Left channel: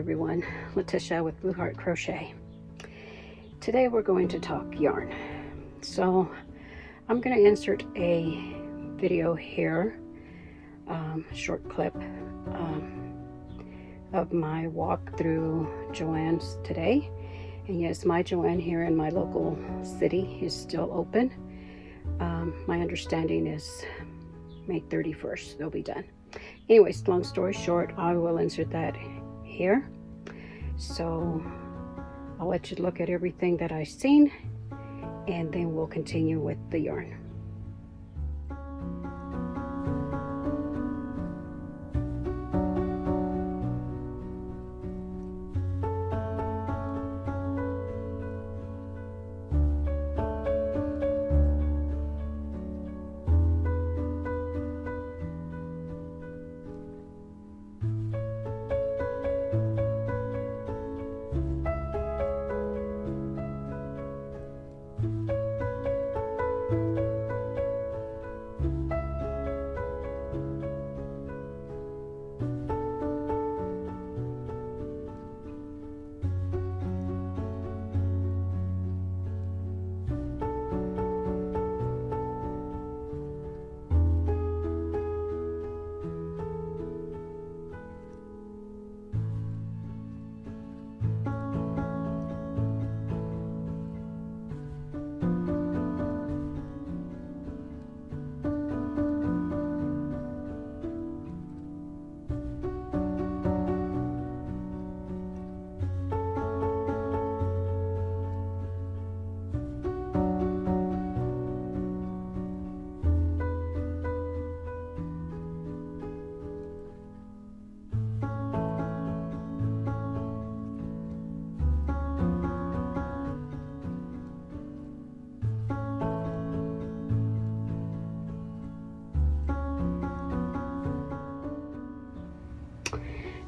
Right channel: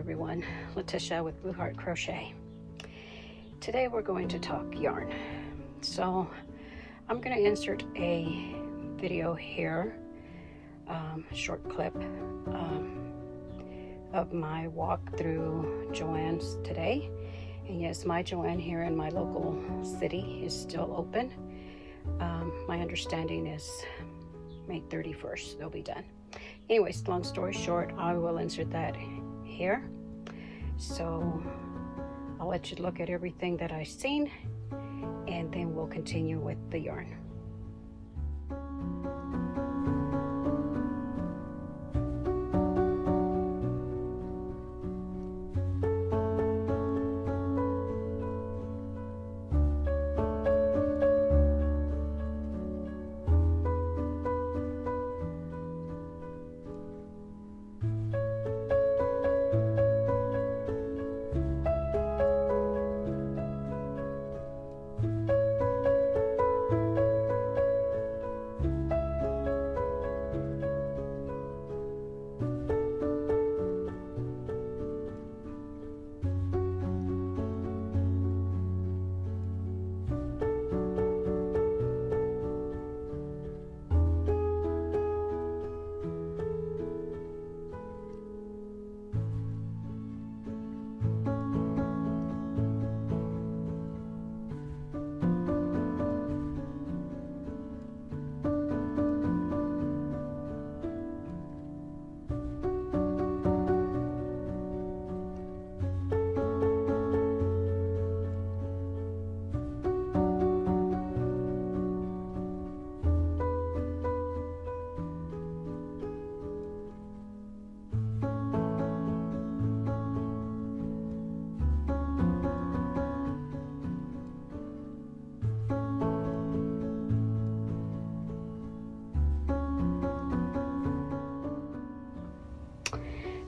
everyone, Letitia with Blue Heart Crochet. Today we're going to talk yarn. So I'm going to insert a video here, short clip of my walk through Joann's today. And yes, my Joann here in my local city is still open. My understanding is May 31st they'll be done. Anyways, long story short, I will insert that here. So I'll let you look at everything that I've seen, and then we'll continue with the yarn.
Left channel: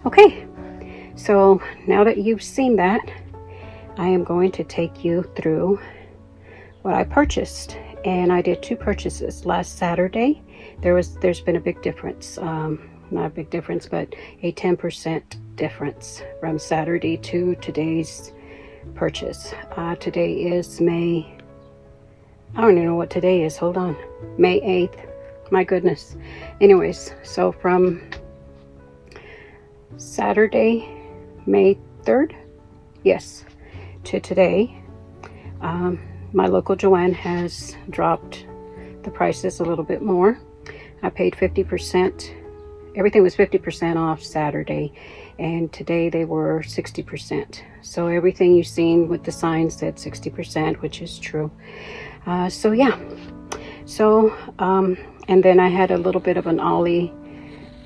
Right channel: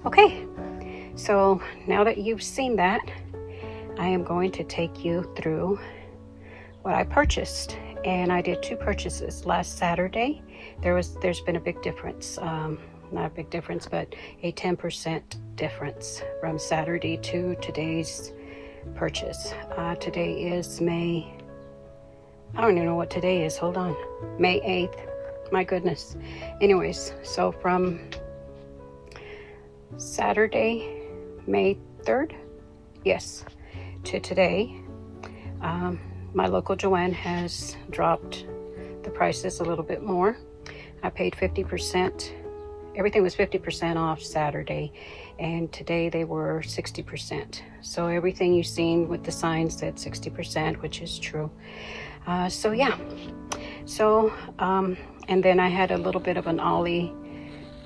Okay, so now that you've seen that, I am going to take you through what I purchased. And I did two purchases. Last Saturday, there's been a big difference. Not a big difference, but a 10% difference from Saturday to today's purchase. Today is I don't even know what today is. Hold on. May 8th. My goodness. Anyways, so from Saturday, May 3rd, yes, to today, my local Joann has dropped the prices a little bit more. I paid 50%. Everything was 50% off Saturday, and today they were 60%. So everything you've seen with the signs said 60%, which is true. So yeah. So, and then I had a little bit of an Ollie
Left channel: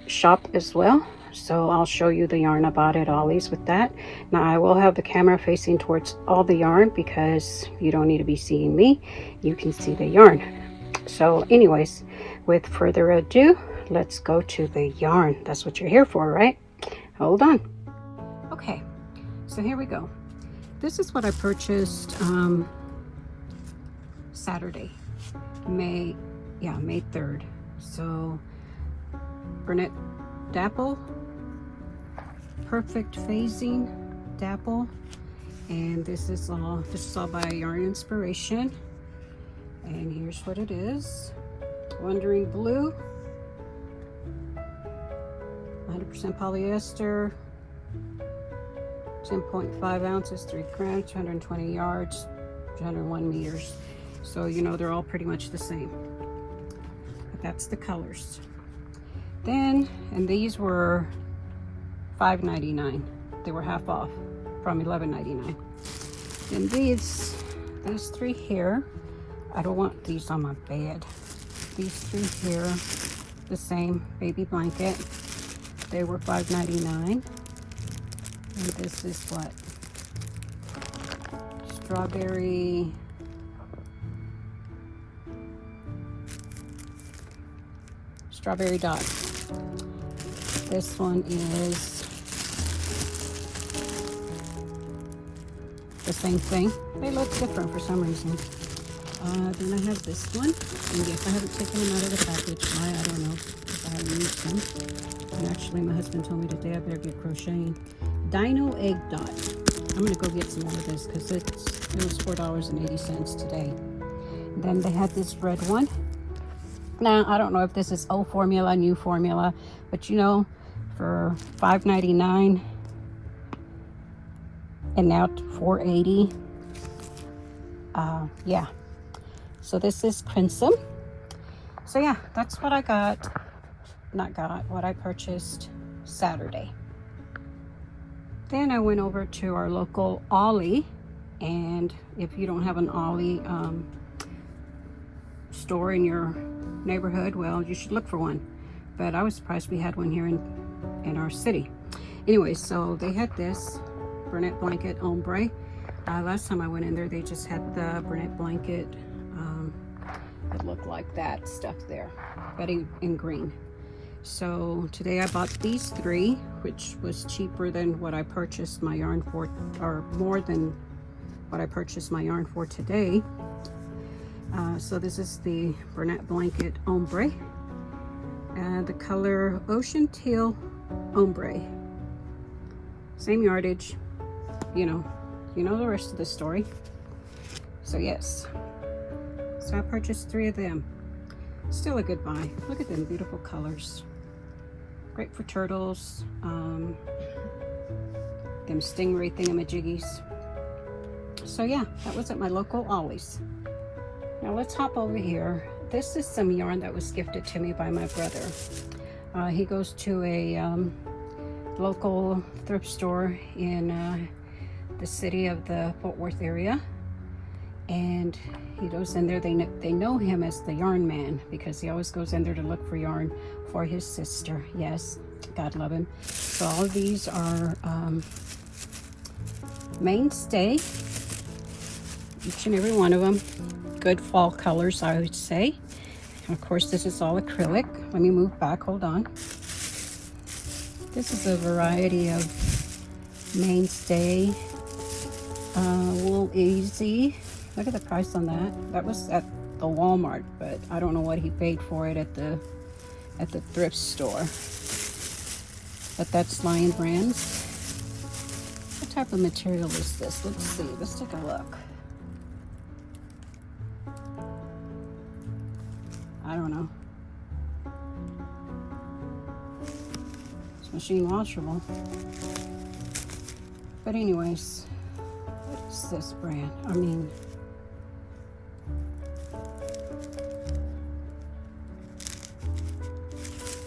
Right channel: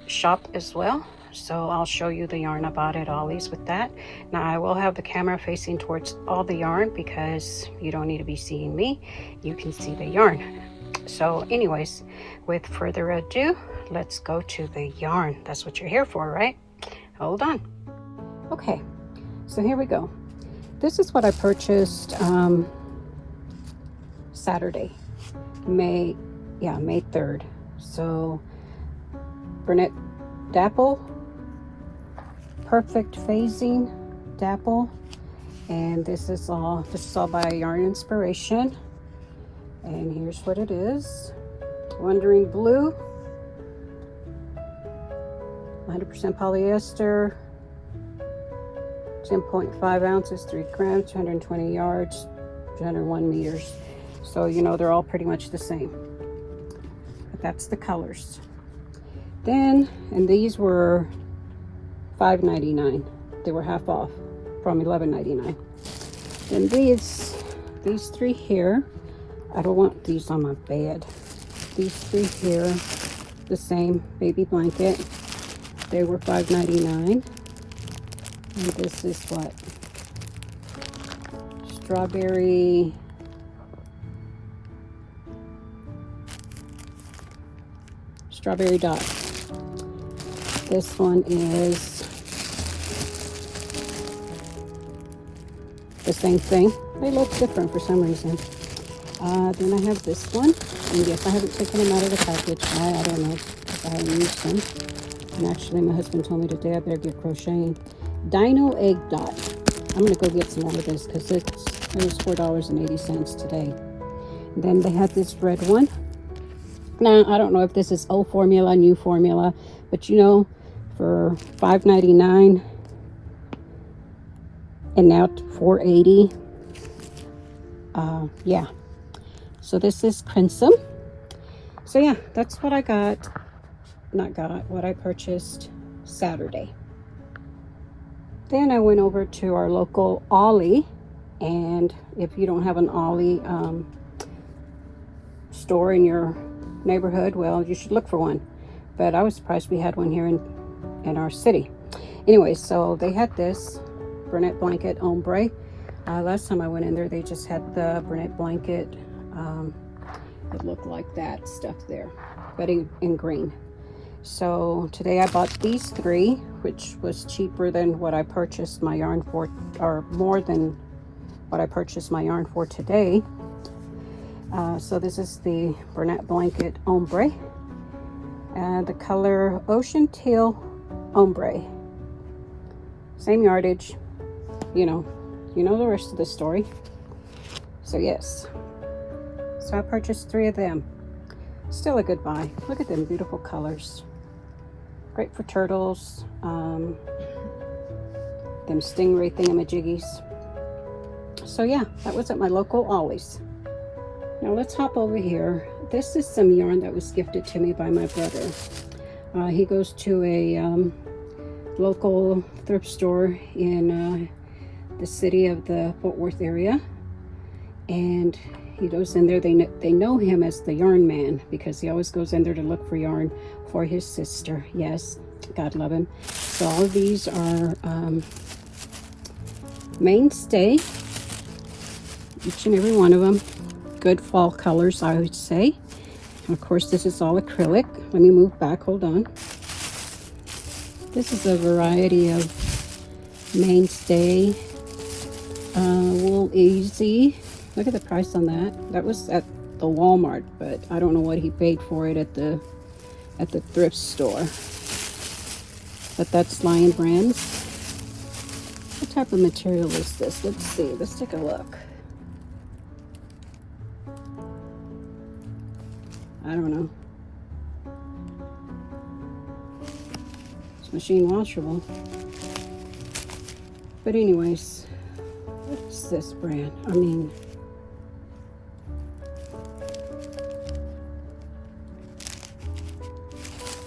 shop as well. So I'll show you the yarn I bought at Ollies with that. Now I will have the camera facing towards all the yarn because you don't need to be seeing me. You can see the yarn. So anyways, with further ado, let's go to the yarn. That's what you're here for, right? Hold on. Okay, so here we go. This is what I purchased Saturday, May 3rd. So Burnett Dapple, Perfect Phasing Dapple, and this is all by Yarn Inspiration. And here's what it is. Wandering Blue, 100% polyester, 10.5 ounces, 3 grams, 220 yards, 201 meters. So you know they're all pretty much the same. But that's the colors. Then, and these were $5.99. They were half off from $11.99. And these three here, I don't want these on my bed. These three here, the same baby blanket. They were $5.99. And this is what? Strawberry dot. This one is the same thing. They look different for some reason. Then I have this one, and yes, I haven't taken them out of the package. I don't know if I haven't used them. And actually, my husband told me today I better get crocheting. Dino Egg Dot. I'm gonna go get some more of this because it was $4.80 today. And then they had this red one. Now, I don't know if this is old formula, new formula, but you know, for $5.99 and now $4.80. Yeah. So this is Crimson. So yeah, that's what I got. What I purchased Saturday. Then I went over to our local Ollie, and if you don't have an Ollie store in your neighborhood, well, you should look for one. But I was surprised we had one here in our city. Anyway, so they had this brunette blanket ombre. Last time I went in there, they just had the brunette blanket. It looked like that stuff there, but in green. So today I bought these three, which was cheaper than what I purchased my yarn for, or more than what I purchased my yarn for today. So this is the brunette blanket ombre, and the color Ocean Teal Ombre. Same yardage, you know the rest of the story. So yes, so I purchased 3 of them. Still a good buy. Look at them beautiful colors. Great for turtles, them stingray thingamajiggies. So yeah, that was at my local Ollies. Now let's hop over here. This is some yarn that was gifted to me by my brother. He goes to a local thrift store in the city of the Fort Worth area, and he goes in there. They know him as the yarn man because he always goes in there to look for yarn for his sister. Yes, God love him. So all of these are mainstay, each and every one of them. Good fall colors, I would say. And of course, this is all acrylic. Let me move back, hold on. This is a variety of mainstay, Wool Easy. Look at the price on that. That was at the Walmart, but I don't know what he paid for it at the thrift store. But that's Lion Brands. What type of material is this? Let's see. Let's take a look. I don't know. It's machine washable. But anyways, what is this brand? I mean,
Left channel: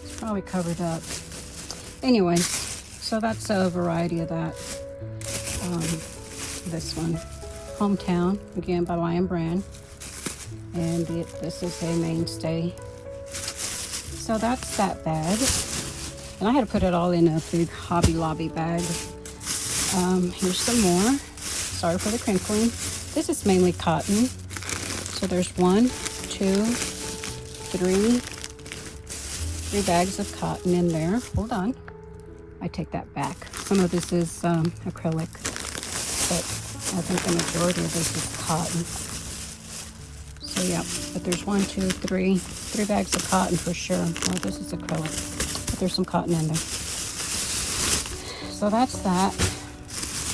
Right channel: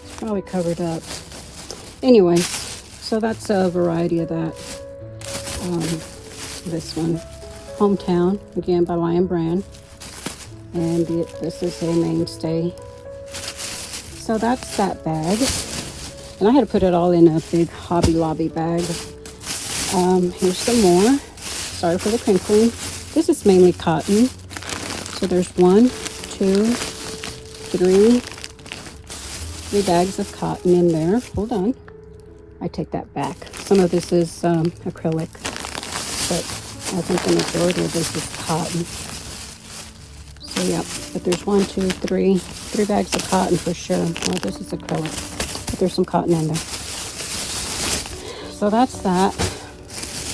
it's probably covered up. Anyway, so that's a variety of that. This one, Hometown, again by Lion Brand. And this is a mainstay. So that's that bag. And I had to put it all in a big Hobby Lobby bag. Here's some more. Sorry for the crinkling. This is mainly cotton. So there's 1, 2, 3 bags of cotton in there. Hold on. I take that back. Some of this is acrylic, but I think the majority of this is cotton. So yeah, but there's 1, 2, 3 bags of cotton for sure. Well, this is acrylic, but there's some cotton in there. So that's that.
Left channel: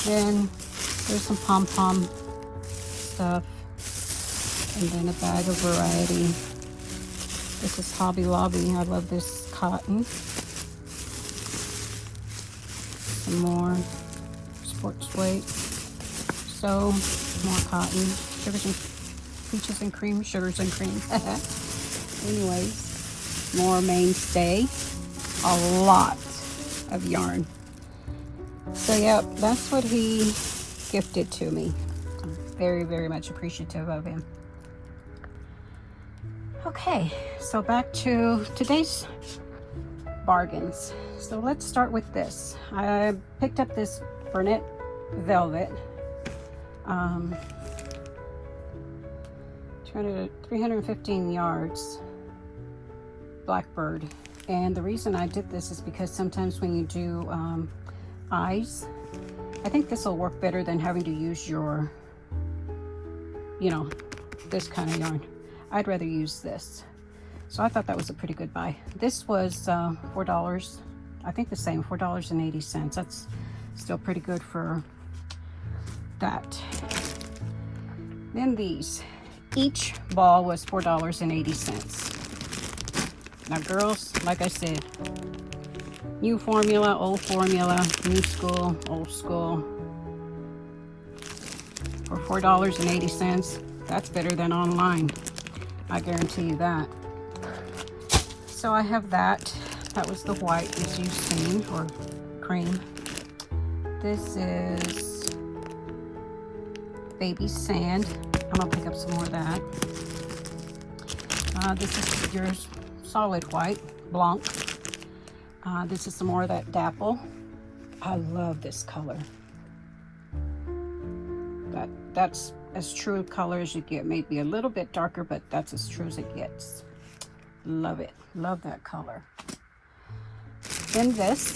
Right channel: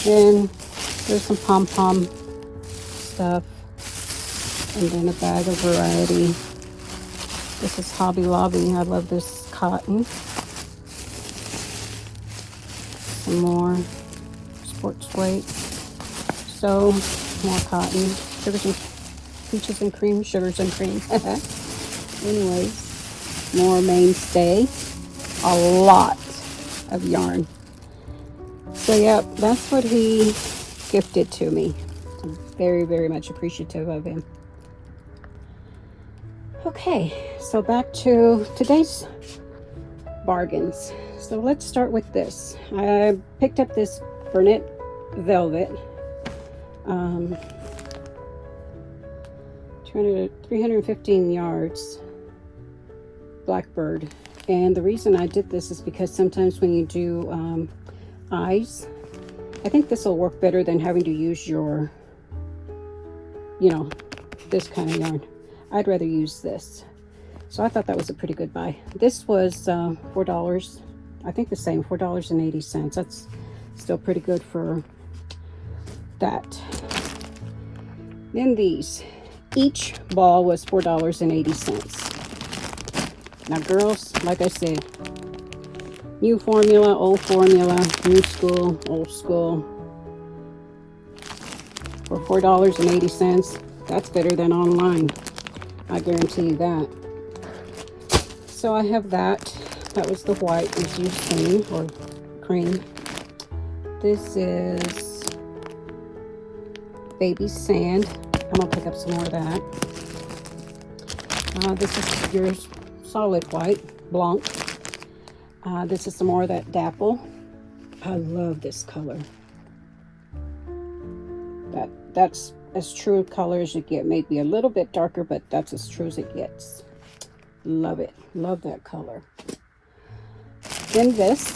Then there's some pom-pom stuff, and then a bag of variety. This is Hobby Lobby. I love this cotton. Some more sports weight. So more cotton. Sugars and peaches and cream. Sugars and cream. Anyways, more mainstay. A lot of yarn. So yeah, that's what he gifted to me. I'm very, very much appreciative of him. Okay, so back to today's bargains. So let's start with this. I picked up this brunette velvet, 315 yards, Blackbird. And the reason I did this is because sometimes when you do eyes, I think this will work better than having to use your, this kind of yarn. I'd rather use this. So I thought that was a pretty good buy. This was $4, I think the same, $4.80. Still pretty good for that. Then these. Each ball was $4.80. Now girls, like I said, new formula, old formula, new school, old school. For $4.80, that's better than online. I guarantee you that. So I have that. That was the white, this used cane or cream. This is baby sand. I'm gonna pick up some more of that. This is your solid white, Blanc. This is some more of that dapple. I love this color. That's as true a color as you get. Maybe a little bit darker, but that's as true as it gets. Love it. Love that color. Then this.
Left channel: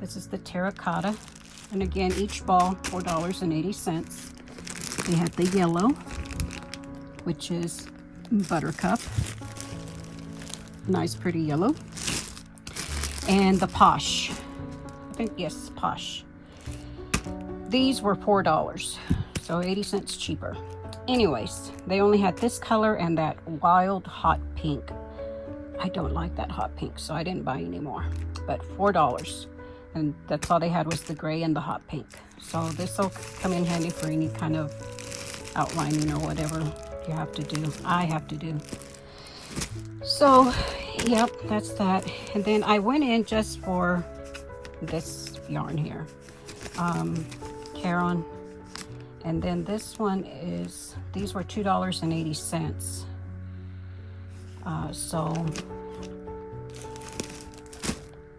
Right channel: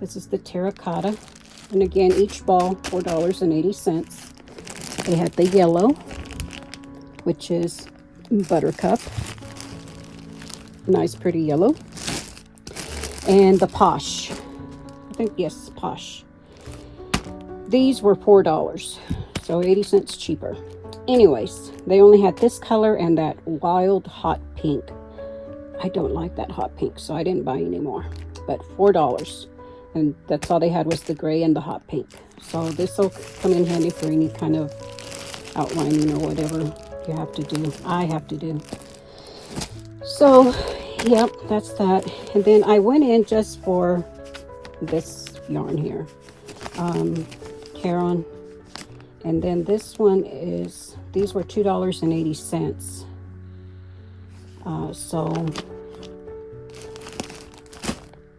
This is the terracotta. And again, each ball, $4.80. They have the yellow, which is buttercup. Nice, pretty yellow. And the posh. I think, yes, posh. These were $4, so 80 cents cheaper. Anyways, they only had this color and that wild hot pink. I don't like that hot pink, so I didn't buy any more. But $4. And that's all they had was the gray and the hot pink. So this will come in handy for any kind of outline, you know, whatever you have to do. I have to do. So, yep, that's that. And then I went in just for this yarn here. Caron. And then this one is, these were $2.80. So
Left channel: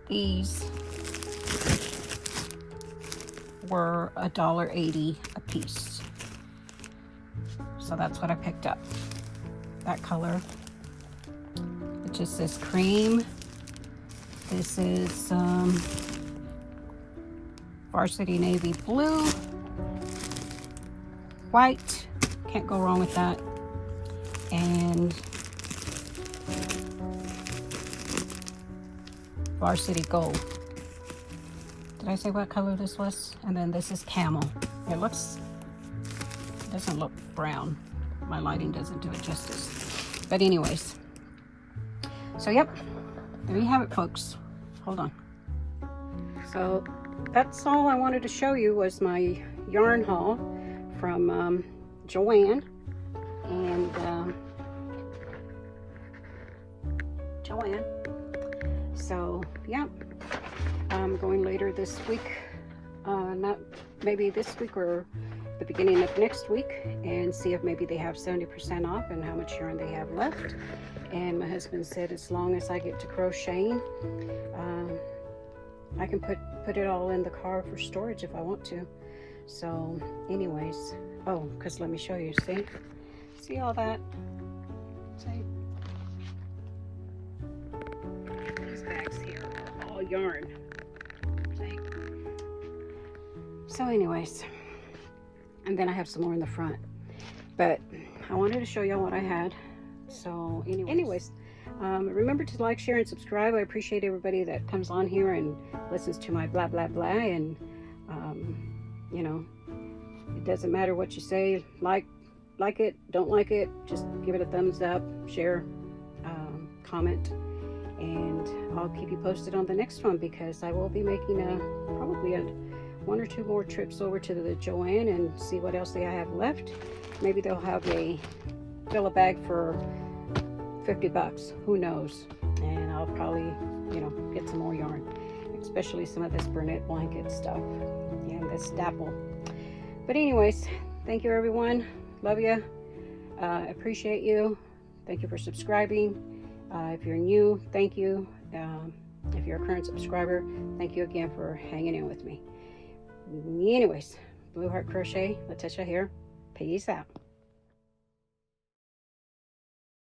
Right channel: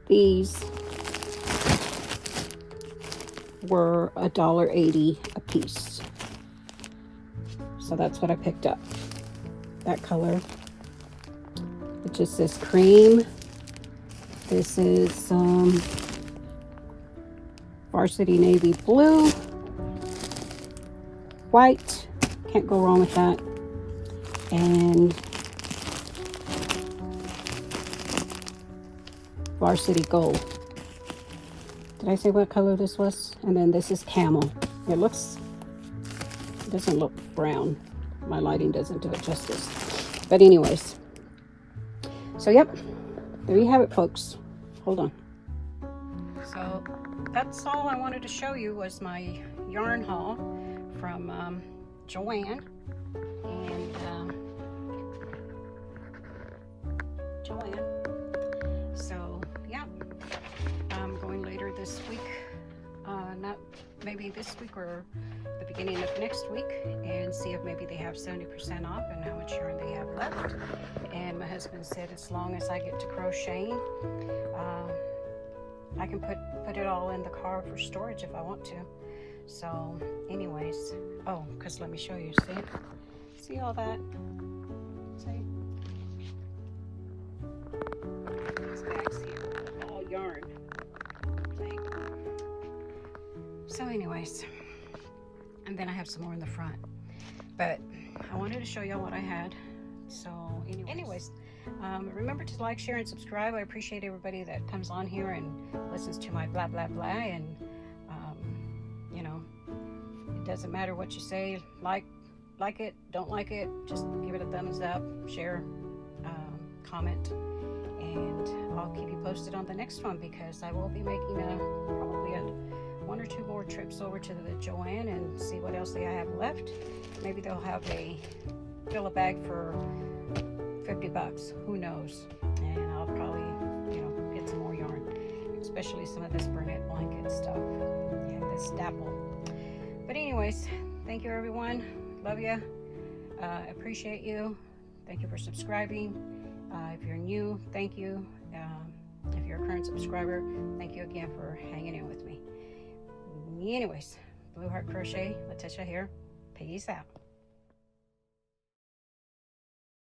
these were $1.80 a piece. So that's what I picked up. That color. It just says cream. This is varsity navy blue. White. Can't go wrong with that. And varsity gold. Did I say what color this was? And then this is camel. It doesn't look brown. My lighting doesn't do it justice. But anyways. So yep, there you have it, folks. Hold on. So that's all I wanted to show you was my yarn haul from Joann. And Joann. So yeah, I'm going later this week, not maybe this week or the beginning of next week, and see if maybe they have 70% off and how much yarn they have left. And my husband said as long as I get to crocheting, I can put it all in the car for storage if I want to. So anyways, oh, because let me show you. See all that? See? These bags here, all yarn. See? So anyways, and then I have some more in the front, but I wanted to show y'all what I had. So anyways, remember to like, share, and subscribe. I appreciate everybody that comes on here and listens to my blah blah blah. And you know, it doesn't matter what you say, like it, don't like it, just give it a thumbs up, share, comment, and I'll keep you posted on the next one, because I will be making probably one or two more trips over to the Joann and see what else they have left. Maybe they'll have fill a bag for $50, who knows. And I'll probably, you know, get some more yarn, especially some of this Burnett blanket stuff and this dapple. But anyways, thank you everyone. Love you. Appreciate you. Thank you for subscribing. If you're new, thank you. If you're a current subscriber, thank you again for hanging in with me. Anyways, Blue Heart Crochet, Letitia here. Peace out.